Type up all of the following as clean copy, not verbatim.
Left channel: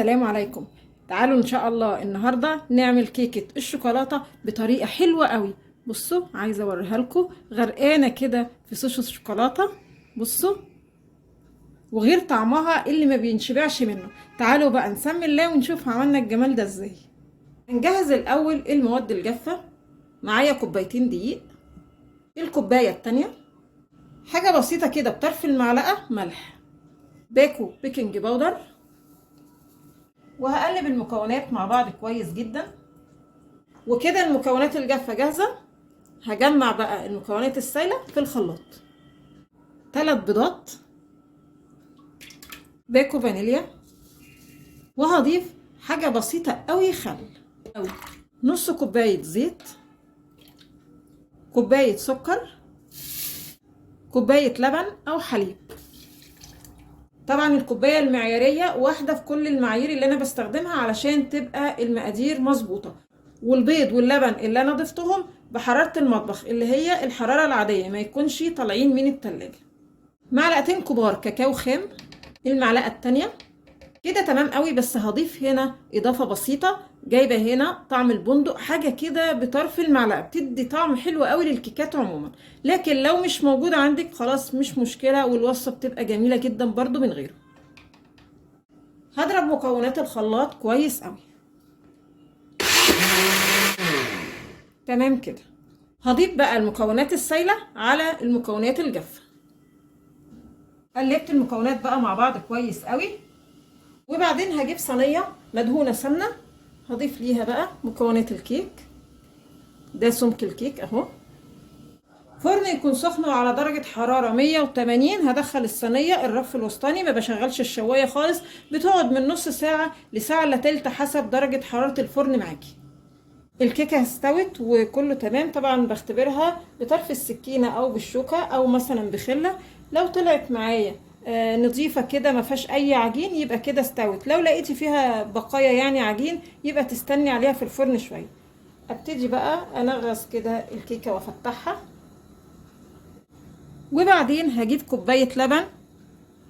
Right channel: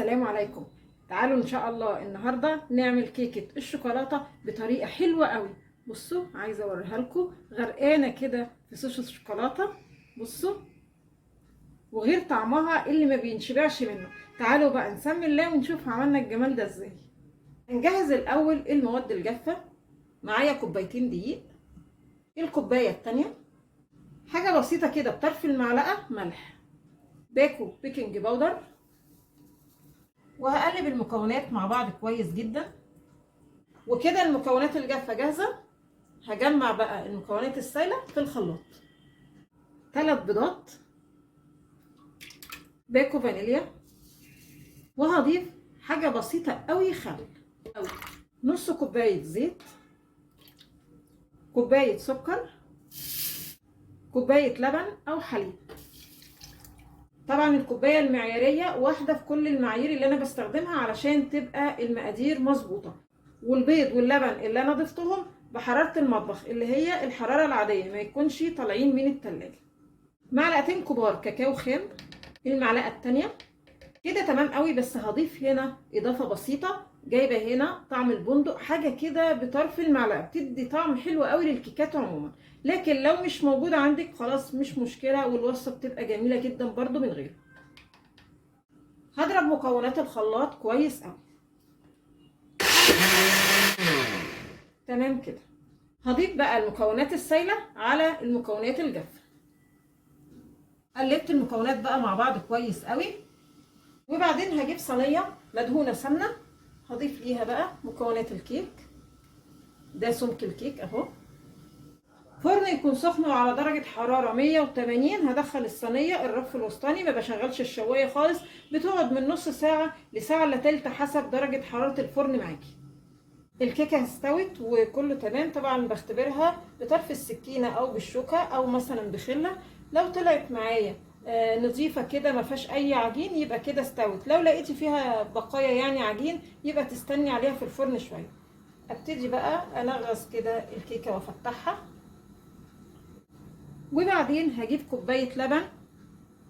السلام عليكم. تعالوا ان شاء الله النهارده نعمل كيكه الشوكولاته بطريقه حلوه قوي. بصوا، عايزه اوريها لكم غرقانه كده في صوص الشوكولاته. بصوا، وغير طعمها اللي ما بينشبعش منه. تعالوا بقى نسمي الله ونشوف عملنا الجمال ده ازاي. هنجهز الاول المواد الجافه. معايا كوبايتين دقيق، الكوبايه التانية حاجه بسيطه كده بطرف المعلقه ملح، باكو بيكنج باودر، وهقلب المكونات مع بعض كويس جدا. وكده المكونات الجافه جاهزه. هجمع بقى المكونات السائله في الخلاط. 3 بيضات، باكو فانيليا، وهضيف حاجه بسيطه قوي خل، نص كوبايه زيت، كوبايه سكر، كوبايه لبن او حليب. طبعا الكوبايه المعياريه واحده في كل المعايير اللي انا بستخدمها علشان تبقى المقادير مظبوطه. والبيض واللبن اللي انا ضفتهم بحراره المطبخ اللي هي الحراره العاديه، ما يكونش طالعين من التلاجة. معلقتين كبار كاكاو خام، المعلقه التانية كده تمام قوي. بس هضيف هنا اضافه بسيطه، جايبه هنا طعم البندق، حاجه كده بطرف المعلقه بتدي طعم حلو قوي للكيكات عموما. لكن لو مش موجود عندك خلاص مش مشكله، والوصفه بتبقى جميله جدا برضو من غيره. هضرب مكونات الخلاط كويس قوي. تمام كده. هضيف بقى المكونات السائله على المكونات الجافه. قلبت المكونات بقى مع بعض كويس قوي. وبعدين هجيب صينيه مدهونه سمنه، هضيف ليها بقى مكونات الكيك. ده سمك الكيك اهو. فرن يكون سخن وعلى درجه حراره 180. هدخل الصينيه الرف الوسطاني، ما بشغلش الشوايه خالص. بتقعد من نص ساعه لساعه الا تلت حسب درجه حراره الفرن معاكي. الكيكه استوت وكله تمام. طبعا بختبرها بطرف السكينه او بالشوكه او مثلا بخله. لو طلعت معايا نظيفه كده ما فيهاش اي عجين يبقى كده استوت. لو لقيتي فيها بقايا يعني عجين يبقى تستني عليها في الفرن شويه. ابتدي بقى انغص كده الكيكه وافتحها. وبعدين هجيب كوبايه لبن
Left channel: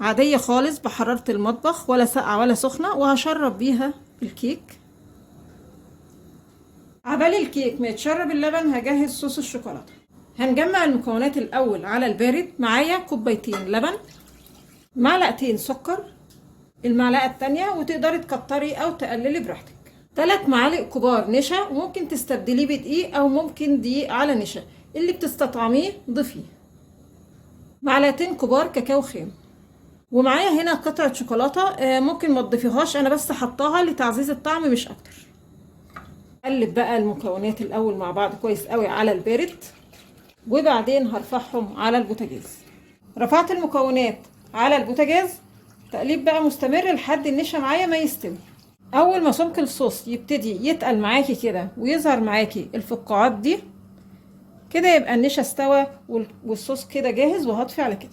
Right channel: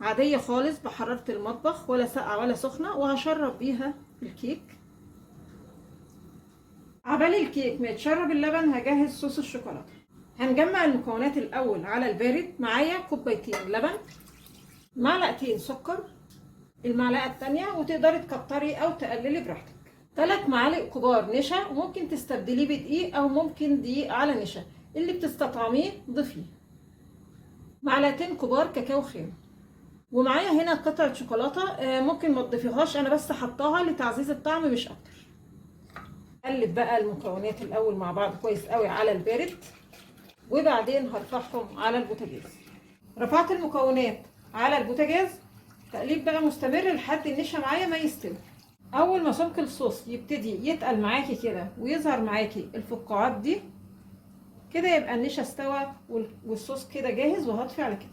عاديه خالص بحراره المطبخ، ولا ساقعه ولا سخنه، وهشرب بيها الكيك. عبال الكيك ما يتشرب اللبن هجهز صوص الشوكولاته. هنجمع المكونات الاول على البارد. معايا كوبايتين لبن، معلقتين سكر، المعلقه التانية، وتقدري تكتري او تقللي براحتك. 3 معالق كبار نشا، وممكن تستبدليه بدقيق او ممكن دقيق على نشا، اللي بتستطعميه ضيفيه. معلقتين كبار كاكاو خام. ومعايا هنا قطعه شوكولاته، ممكن ما تضيفيهاش، انا بس حطاها لتعزيز الطعم مش اكتر. قلب بقى المكونات الاول مع بعض كويس قوي على البارد، وبعدين هرفعهم على البوتاجاز. رفعت المكونات على البوتاجاز، تقليب بقى مستمر لحد النشا معايا ما يستوي. اول ما سمك الصوص يبتدي يتقل معاكي كده ويظهر معاكي الفقاعات دي كده، يبقى النشا استوى والصوص كده جاهز. وهطفي على كده.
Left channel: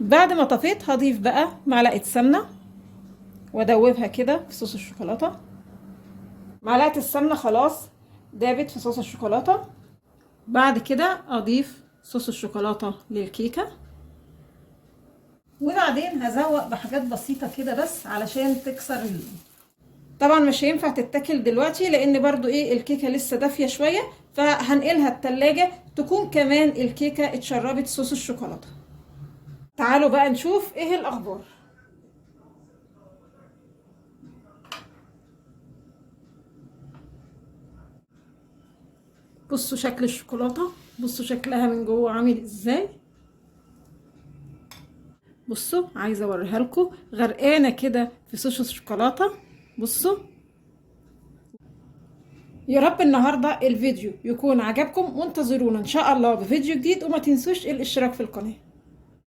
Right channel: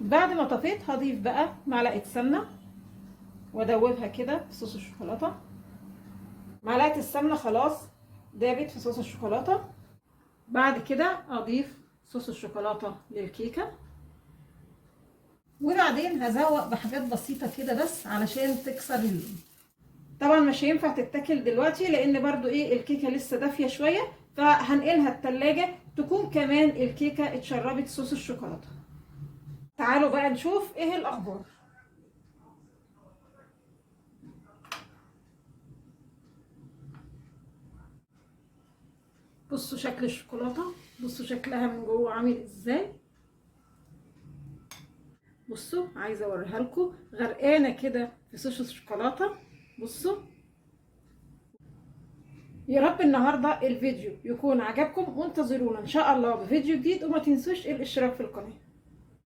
بعد ما طفيت هضيف بقى معلقه سمنه وادوبها كده في صوص الشوكولاته. معلقه السمنه خلاص دابت في صوص الشوكولاته. بعد كده اضيف صوص الشوكولاته للكيكه، وبعدين هزوق بحاجات بسيطه كده بس علشان تكسر طبعا مش هينفع تتاكل دلوقتي لان برضو الكيكه لسه دافيه شويه، فهنقلها التلاجة تكون كمان الكيكه اتشربت صوص الشوكولاته. تعالوا بقى نشوف ايه الاخبار. بصوا شكل الشوكولاته، بصوا شكلها من جوه عامل ازاي. بصوا، عايزه اوريها لكم غرقانه كده في صوص الشوكولاته. بصوا. يا رب النهارده الفيديو يكون عجبكم، وانتظرونا ان شاء الله بفيديو جديد، وما تنسوش الاشتراك في القناه.